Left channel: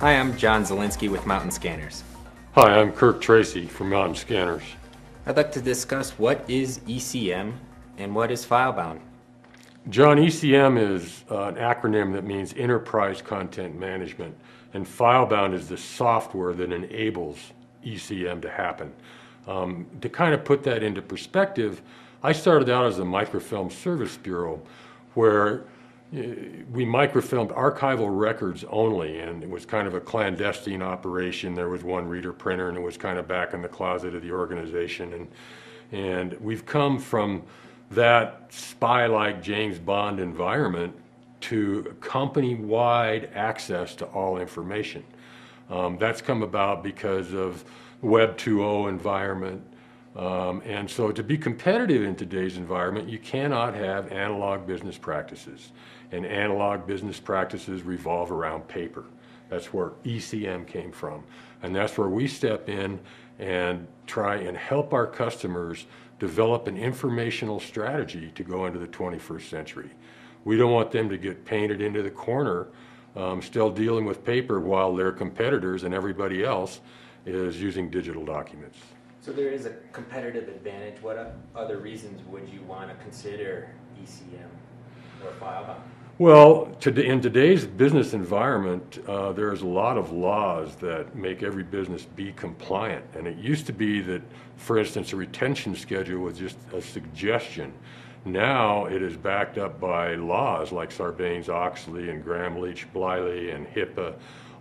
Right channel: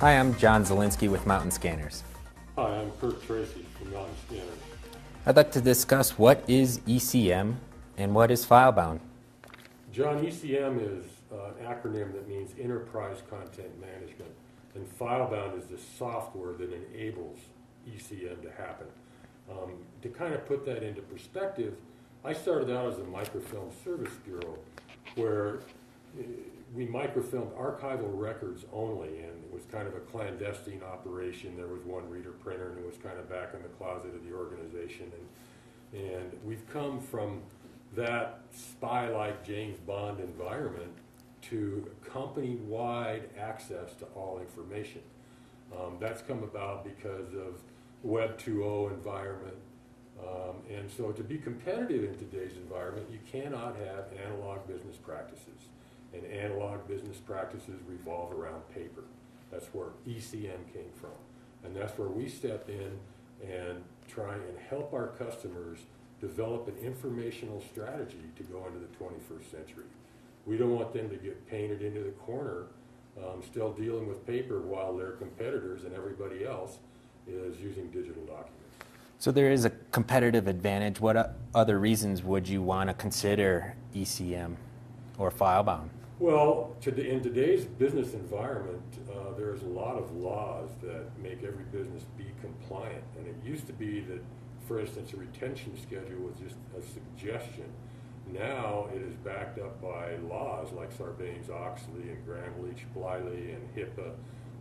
Hi, I'm John Zielinski with Mountain Scanners. Hi, I'm Kirk Tracy from Mountain Scanners. I'd like to discuss what is ECM and what is FileBound. John, ECM is an acronym that means Enterprise Content Management, and FileBound is the software that enables ECM to happen. To kind of put that into perspective, I started out as a microfilm service bureau where we microfilmed archival records only, and it was kind of a clandestine operation. There was one reader printer, and it was kind of back in the closet of the organization. And we've come from that spy-like James Bond environment to company-wide access to all information. That's come about because of Web 2.0 environment. And so to be competitive in today's environment, you cannot have analog business practices. And analog business practices revolve around paper. That's where ECM came from. And that's where we step in and try and help our customers develop an informational strategy to go into the 21st century. We don't want them to get painted into the corner, still dealing with paper while their competitors and everybody else is using digital documents. So there is a competitive advantage. What other reasons would you want to consider ECM or FileBound? Well, in today's business environment, there's a lot of laws that make every business be compliant. And it used to be that, for instance, a retention schedule was just a suggestion. Now it is backed up by laws like Sarbanes-Oxley and Gramm-Leach-Bliley and HIPAA.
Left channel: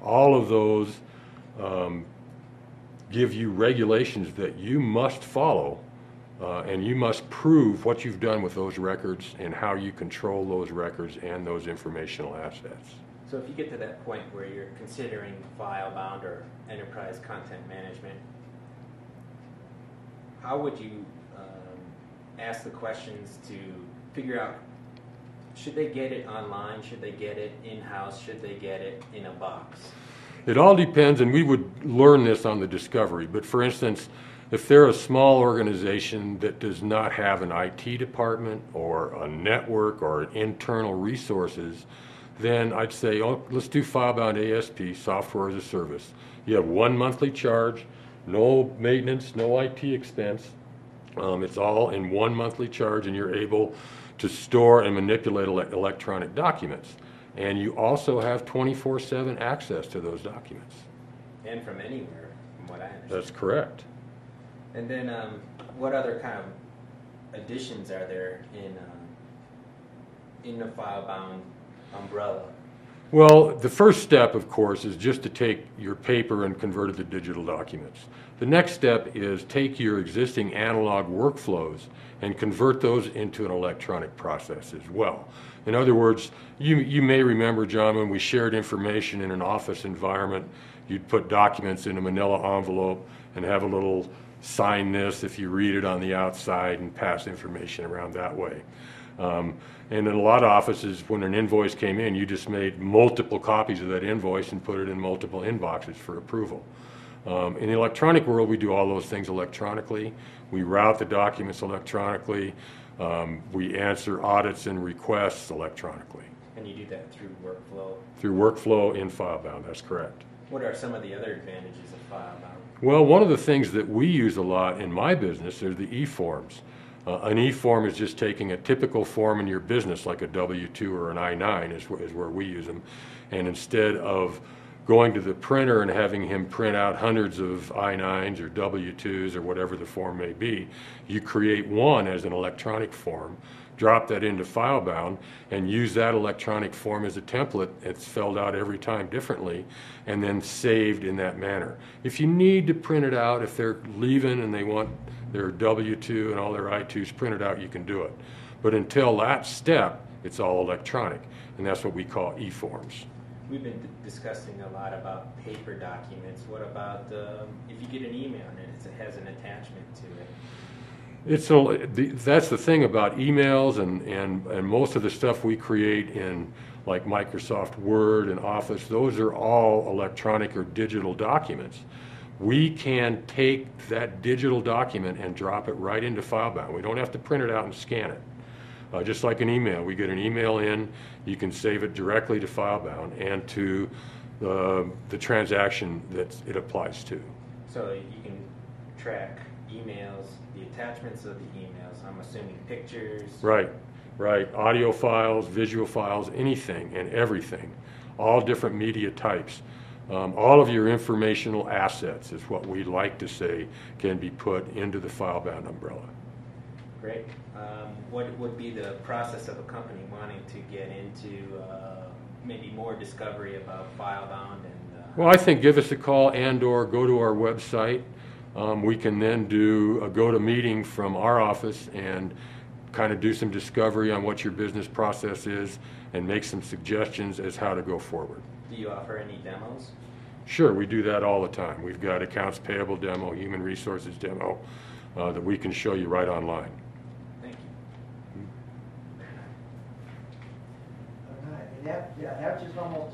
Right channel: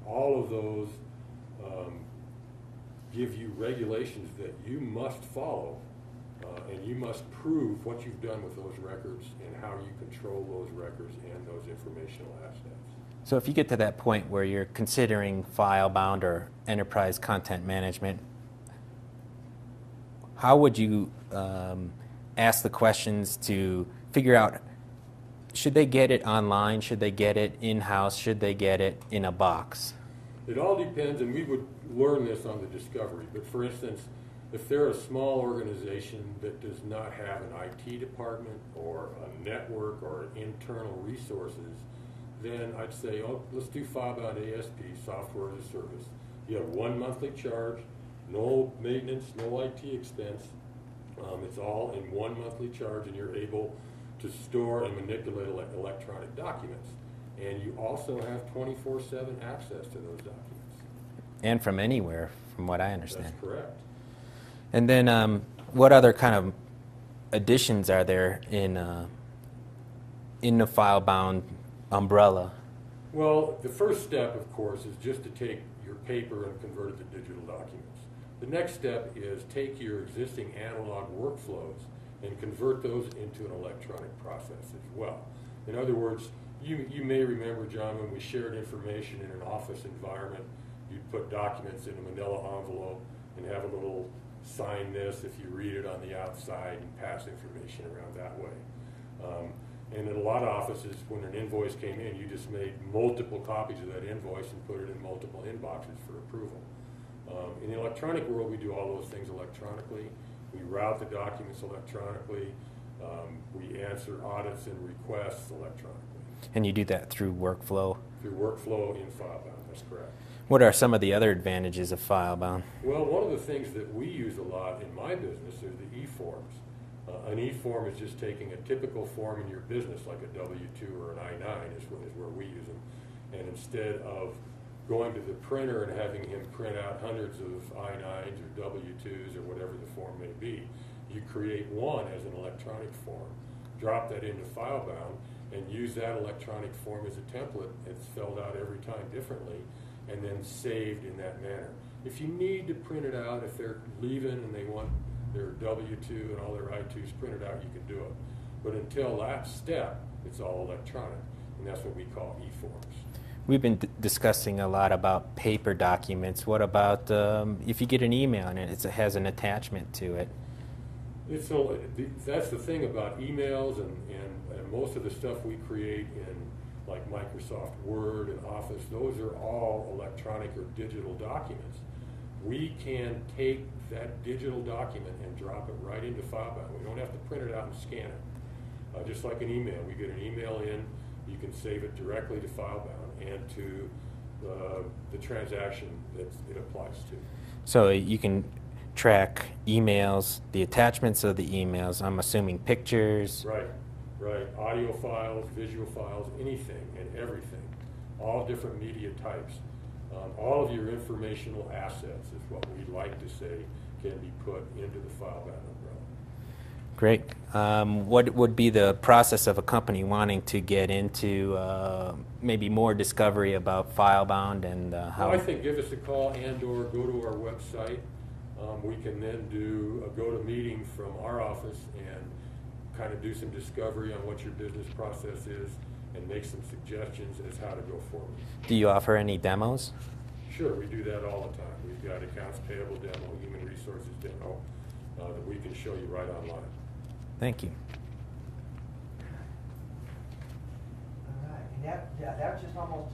All of those give you regulations that you must follow, and you must prove what you've done with those records and how you control those records and those informational assets. So if you get to that point where you're considering FileBound or enterprise content management, how would you ask the questions to figure out, should they get it online, should they get it in-house, should they get it in a box? It all depends, and we would learn this on the discovery, but for instance, if they're a small organization that does not have an IT department or a network or internal resources, then I'd say, oh, let's do FileBound ASP, software as a service. You have one monthly charge, no maintenance, no IT expense. It's all in one monthly charge, and you're able to store and manipulate electronic documents. And you also have 24/7 access to those documents. And from anywhere, from what I understand. That's correct. And then what other kind of additions are there in the FileBound umbrella? Well, the first step, of course, is just to take your paper and convert it to digital documents. The next step is take your existing analog workflows and convert those into an electronic process as well. In other words, you may remember, John, when we shared information in an office environment, you'd put documents in a manila envelope and have a little sign this if you read it on the outside and pass information around that way. And in a lot of offices, when an invoice came in, you just made multiple copies of that invoice and put it in multiple inboxes for approval. In the electronic world, we do all those things electronically. We route the documents electronically. We answer audits and requests electronically. And you do that through workflow? Through workflow in FileBound, that's correct. What are some of the other advantages of FileBound? Well, one of the things that we use a lot in my business are the e-forms. An e-form is just taking a typical form in your business, like a W-2 or an I-9 is where we use them. And instead of going to the printer and having him print out hundreds of I-9s or W-2s or whatever the form may be, you create one as an electronic form, drop that into FileBound, and use that electronic form as a template. It's filled out every time differently and then saved in that manner. If you need to print it out, if they're leaving and they want their W-2 and all their I-2s printed out, you can do it. But until that step, it's all electronic, and that's what we call e-forms. We've been discussing a lot about paper documents. What about if you get an email and it has an attachment to it? That's the thing about emails and most of the stuff we create in like Microsoft Word and Office, those are all electronic or digital documents. We can take that digital document and drop it right into FileBound. We don't have to print it out and scan it. Just like an email, we get an email in, you can save it directly to FileBound and to the transaction that it applies to. So you can track emails, the attachments of the emails, I'm assuming pictures. Right, right. Audio files, visual files, anything and everything, all different media types. All of your informational assets is what we like to say can be put into the FileBound umbrella. Great. What would be the process of a company wanting to get into maybe more discovery about FileBound and Well, I think give us a call and/or go to our website. We can then do a go-to-meeting from our office and kind of do some discovery on what your business process is and make some suggestions as how to go forward. do you offer any demos? Sure, we do that all the time. We've got accounts payable demo, human resources demo that we can show you right online. Thank you. All right, and that was just almost